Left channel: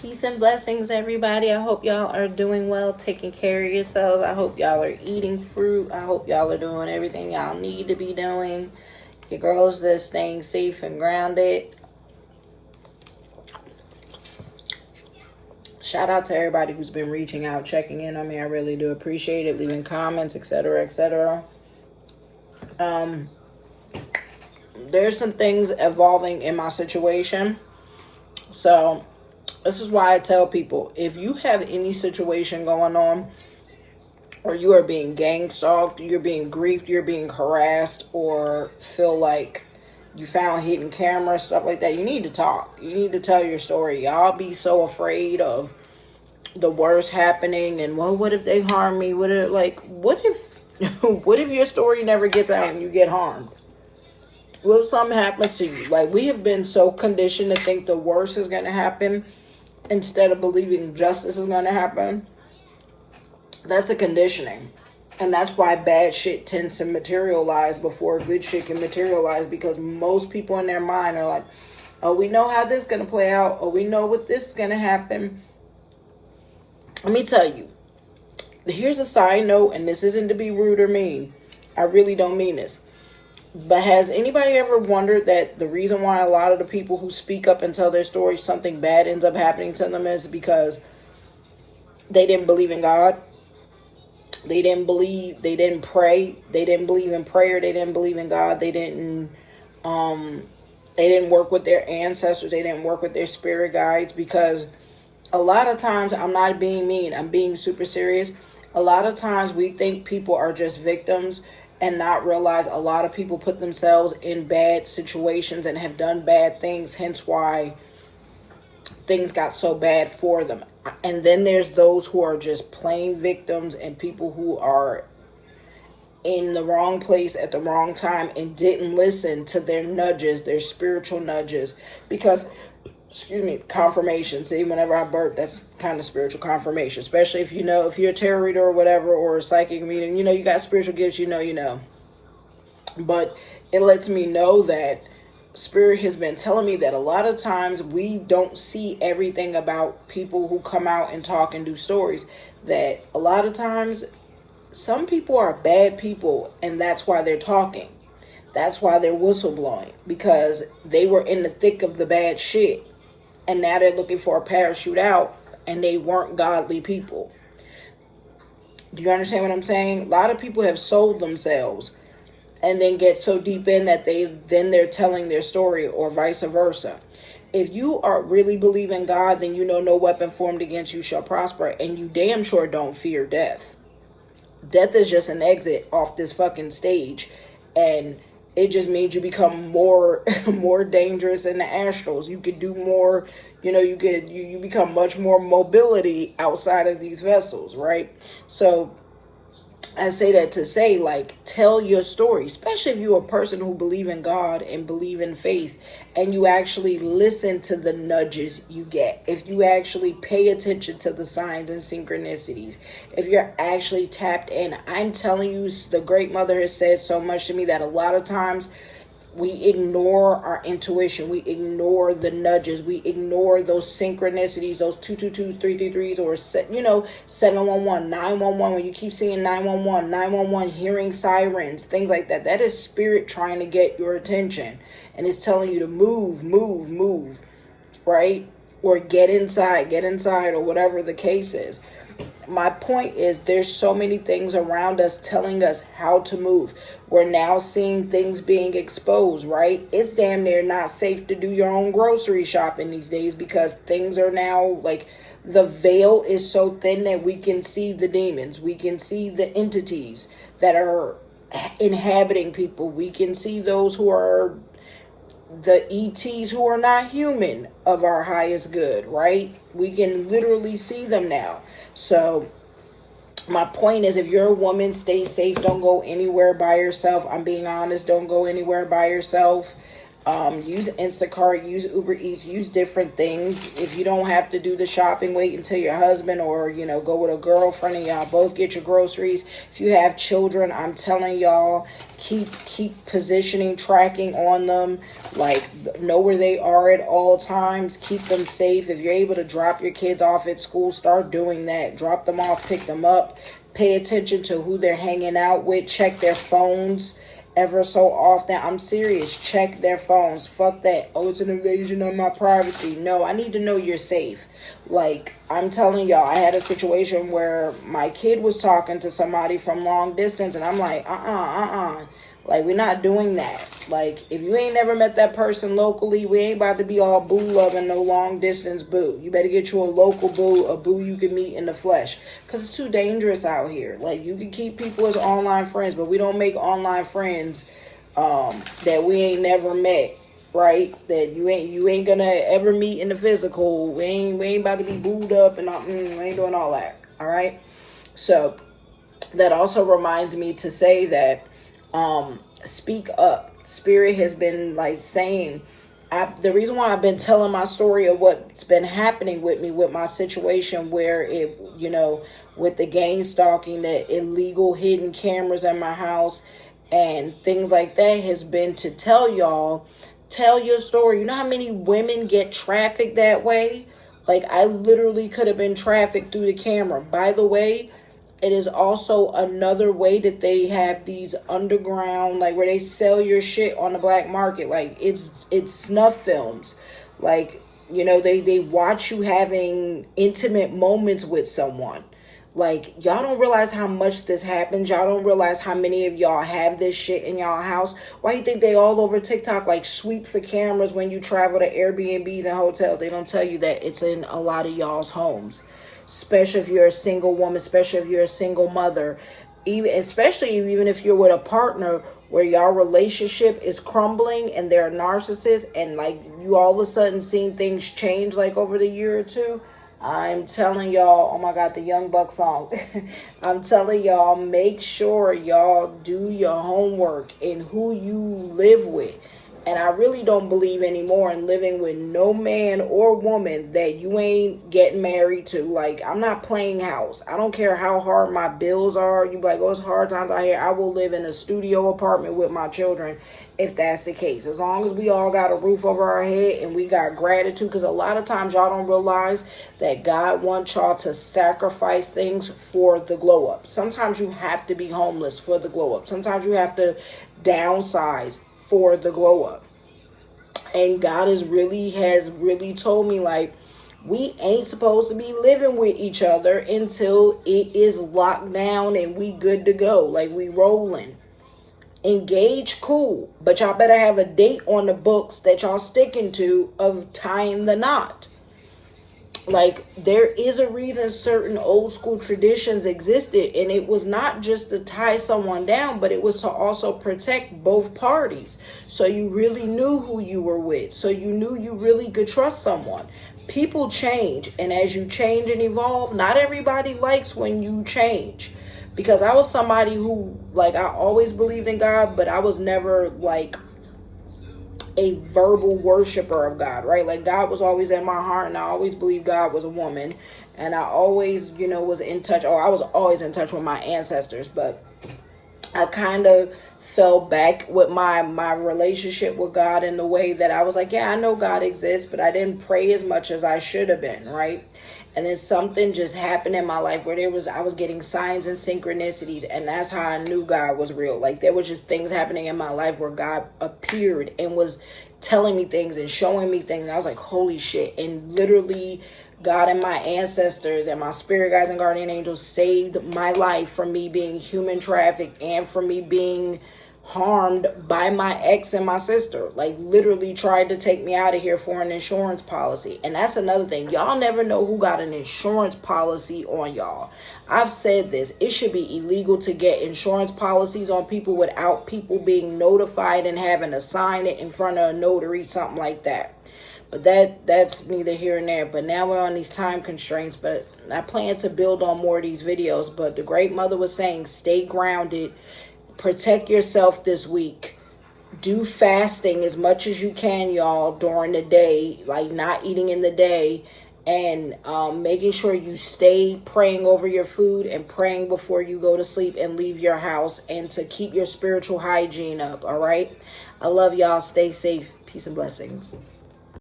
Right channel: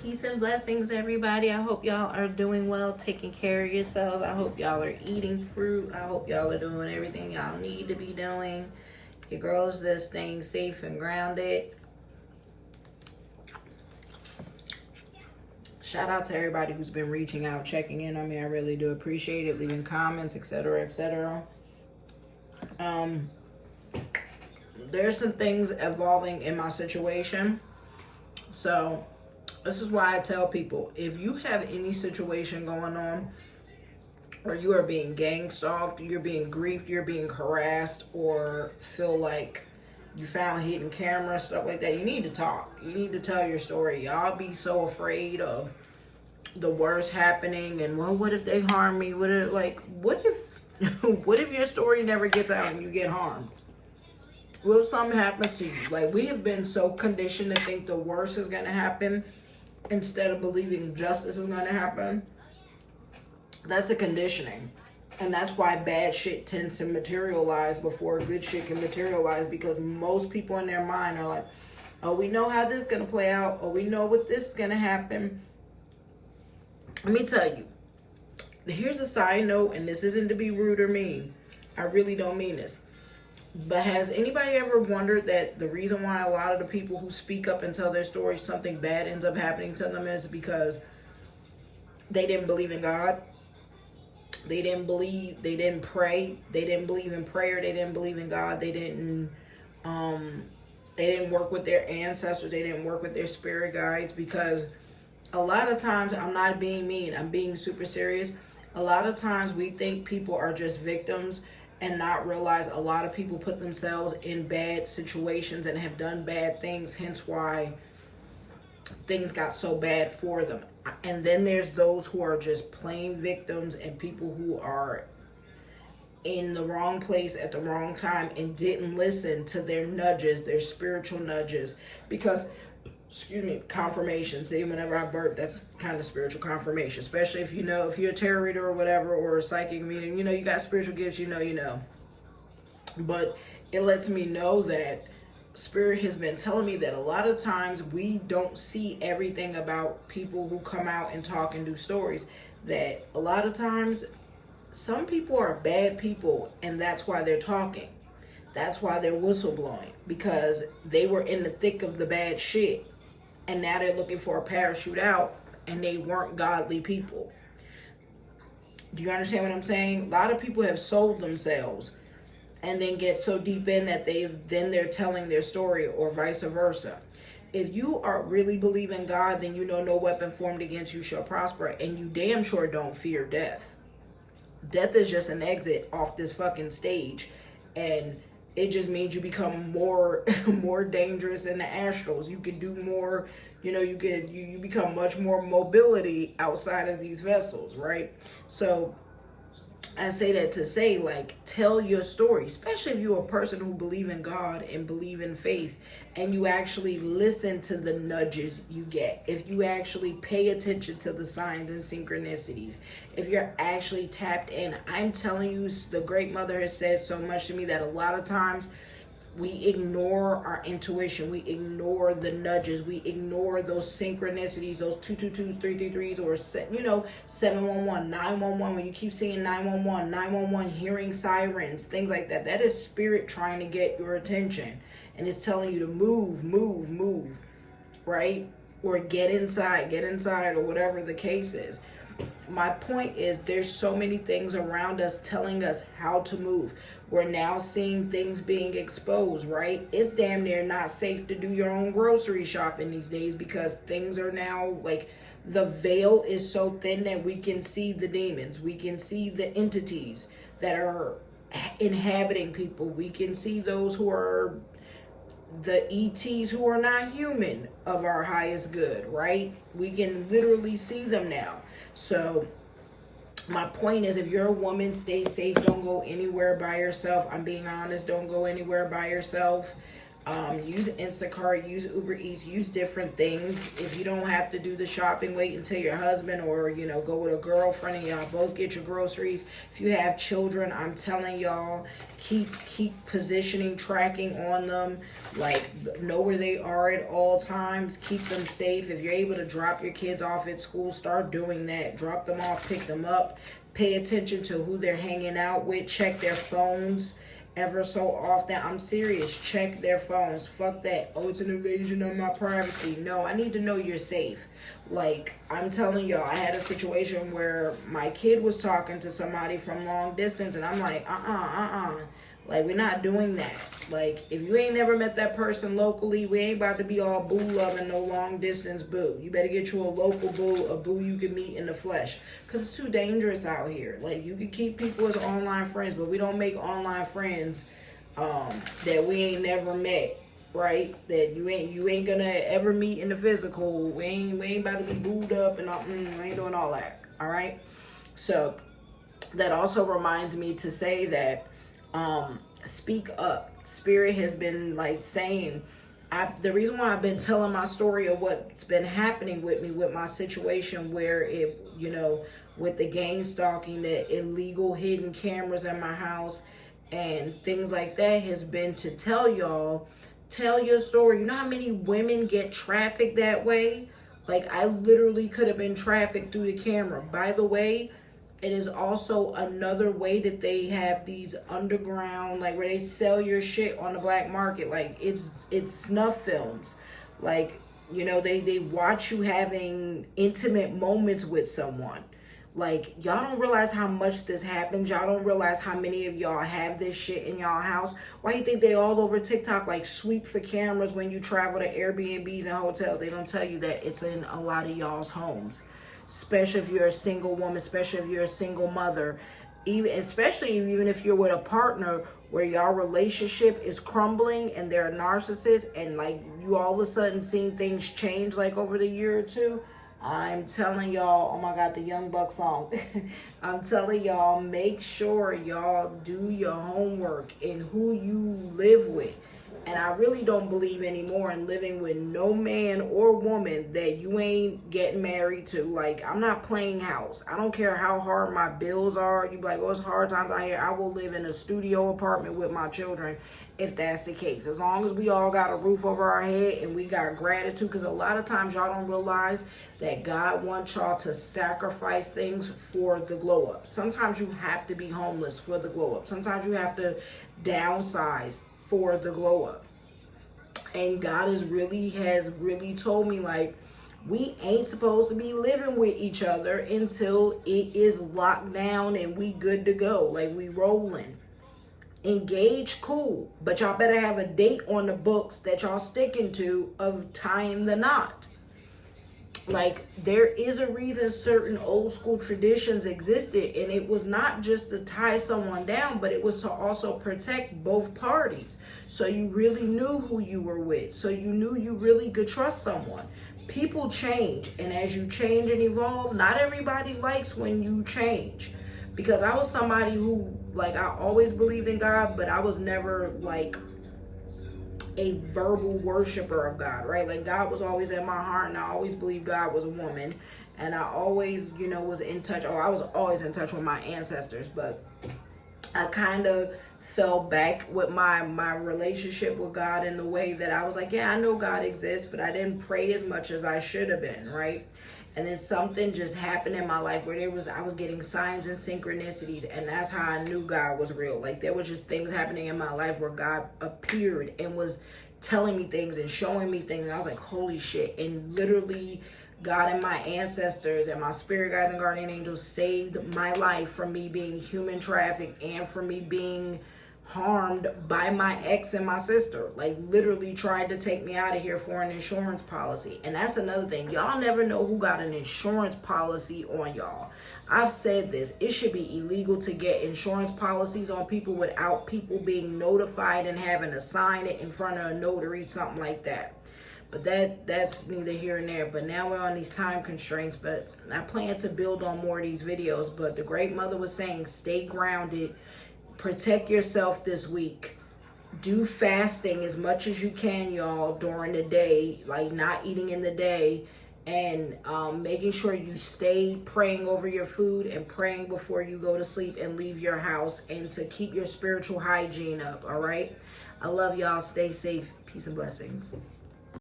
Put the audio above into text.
Peace and blessings, everybody. I hope y'all are doing well, taking care of yourselves. I hope y'all are eating fruit. I hope y'all are doing everything y'all need to be doing. Your girl's just staying safe and grounded. Shout out to everybody who's been reaching out, checking in on me. I really do appreciate it. Leaving comments, etc., etc. There's some things evolving in my situation. So this is why I tell people, if you have any situation going on, or you are being gang stalked, you're being griefed, you're being harassed, or feel like you found hidden camera, stuff like that, you need to talk. You need to tell your story. Y'all be so afraid of the worst happening, and well, what if they harm me? What if what if your story never gets out and you get harmed? What if something happens to you? Like, we have been so conditioned to think the worst is going to happen instead of believing justice is going to happen. That's a conditioning. And that's why bad shit tends to materialize before good shit can materialize, because most people in their mind are like, oh, we know how this is going to play out. Oh, we know what this is going to happen. Let me tell you, here's a side note, and this isn't to be rude or mean. I really don't mean this. But has anybody ever wondered that the reason why a lot of the people who speak up and tell their story, something bad ends up happening to them, is because they didn't believe in God? They didn't pray, they didn't believe in prayer, they didn't believe in God, they didn't work with their ancestors, they didn't work with their spirit guides. Because a lot of times, I'm not being mean, I'm being super serious. A lot of times we think people are just victims and not realize a lot of people put themselves in bad situations and have done bad things, hence why things got so bad for them. And then there's those who are just plain victims, and people who are in the wrong place at the wrong time and didn't listen to their nudges, their spiritual nudges. Because, confirmation. See, whenever I burp, that's kind of spiritual confirmation. Especially if you're a tarot reader or whatever, or a psychic medium, you got spiritual gifts, you know. But it lets me know that Spirit has been telling me that a lot of times we don't see everything about people who come out and talk and do stories. That a lot of times some people are bad people, and that's why they're talking. That's why they're whistleblowing, because they were in the thick of the bad shit, and now they're looking for a parachute out, and they weren't godly people. Do you understand what I'm saying? A lot of people have sold themselves and then get so deep in that they're telling their story, or vice versa. If you are really believe in God, then no weapon formed against you shall prosper, and you damn sure don't fear death. Death is just an exit off this fucking stage, and it just means you become more dangerous in the astrals. You could do more, you become much more mobility outside of these vessels, right? So I say that to say, like, tell your story, especially if you're a person who believe in God and believe in faith, and you actually listen to the nudges you get. If you actually pay attention to the signs and synchronicities, if you're actually tapped in. I'm telling you, the Great Mother has said so much to me that a lot of times we ignore our intuition. We ignore the nudges. We ignore those synchronicities, those 222s, 333s, or 711, 911. When you keep seeing 911, 911, hearing sirens, things like that. That is spirit trying to get your attention, and it's telling you to move, right? Or get inside, or whatever the case is. My point is, there's so many things around us telling us how to move. We're now seeing things being exposed, right? It's damn near not safe to do your own grocery shopping these days, because things are now like, the veil is so thin that we can see the demons. We can see the entities that are inhabiting people. We can see those who are the ETs who are not human of our highest good, right? We can literally see them now. So my point is, if you're a woman, stay safe. Don't go anywhere by yourself. I'm being honest. Don't go anywhere by yourself. Use Instacart, use Uber Eats, use different things. If you don't have to do the shopping, wait until your husband or, you know, go with a girlfriend and y'all both get your groceries. If you have children, I'm telling y'all, keep positioning, tracking on them. Like, know where they are at all times. Keep them safe. If you're able to drop your kids off at school, start doing that. Drop them off, pick them up. Pay attention to who they're hanging out with. Check their phones ever so often. I'm serious. Check their phones. Fuck that. Oh, it's an invasion of my privacy. No, I need to know you're safe. Like, I'm telling y'all, I had a situation where my kid was talking to somebody from long distance, and I'm like, like, we're not doing that. Like, if you ain't never met that person locally, we ain't about to be all boo loving no long distance boo. You better get you a local boo, a boo you can meet in the flesh. Because it's too dangerous out here. Like, you can keep people as online friends, but we don't make online friends that we ain't never met, right? That you ain't gonna ever meet in the physical. We ain't about to be booed up and we ain't doing all that, all right? So, that also reminds me to say that speak up. Spirit has been like saying, the reason why I've been telling my story of what's been happening with me with my situation where it, you know, with the gang stalking, the illegal hidden cameras in my house and things like that, has been to tell y'all, tell your story. You know how many women get trafficked that way? Like, I literally could have been trafficked through the camera. By the way, it is also another way that they have these underground, like, where they sell your shit on the black market. Like, it's snuff films. Like, you know, they watch you having intimate moments with someone. Like, y'all don't realize how much this happens. Y'all don't realize how many of y'all have this shit in y'all house. Why you think they all over TikTok, like, sweep for cameras when you travel to Airbnbs and hotels? They don't tell you that it's in a lot of y'all's homes. Especially if you're a single woman, especially if you're a single mother, especially even if you're with a partner where your relationship is crumbling and they're a narcissist, and like you all of a sudden seeing things change like over the year or two. I'm telling y'all, oh my God, the Young Buck song. I'm telling y'all, make sure y'all do your homework in who you live with. And I really don't believe anymore in living with no man or woman that you ain't getting married to. Like, I'm not playing house. I don't care how hard my bills are. You be like, oh, it's hard times out here. I will live in a studio apartment with my children if that's the case. As long as we all got a roof over our head and we got gratitude. Because a lot of times y'all don't realize that God wants y'all to sacrifice things for the glow up. Sometimes you have to be homeless for the glow up. Sometimes you have to downsize for the glow up. And God has really told me, like, we ain't supposed to be living with each other until it is locked down and we good to go. Like, we rolling. Engage, cool. But y'all better have a date on the books that y'all sticking to of tying the knot. Like, there is a reason certain old school traditions existed, and it was not just to tie someone down, but it was to also protect both parties. So you really knew who you were with. So you knew you really could trust someone. People change, and as you change and evolve, not everybody likes when you change. Because I was somebody who, like, I always believed in God, but I was never, like, a verbal worshiper of God, right? Like, God was always in my heart, and I always believed God was a woman, and I always, you know, was in touch, or I was always in touch with my ancestors, but I kind of fell back with my relationship with God in the way that I was like, yeah, I know God exists, but I didn't pray as much as I should have been, right? And then something just happened in my life where I was getting signs and synchronicities, and that's how I knew God was real. Like, there was just things happening in my life where God appeared and was telling me things and showing me things. And I was like, holy shit. And literally, God and my ancestors and my spirit guides and guardian angels saved my life from me being human trafficked and from me being harmed by my ex and my sister. Like, literally tried to take me out of here for an insurance policy. And that's another thing. Y'all never know who got an insurance policy on y'all. I've said this. It should be illegal to get insurance policies on people without people being notified and having to sign it in front of a notary, something like that. But that's neither here nor there. But now we're on these time constraints. But I plan to build on more of these videos. But the Great Mother was saying, stay grounded. Protect yourself this week. do fasting as much as you can, y'all, during the day, like not eating in the day, and making sure you stay praying over your food and praying before you go to sleep and leave your house, and to keep your spiritual hygiene up. All right. I love y'all. Stay safe. Peace and blessings.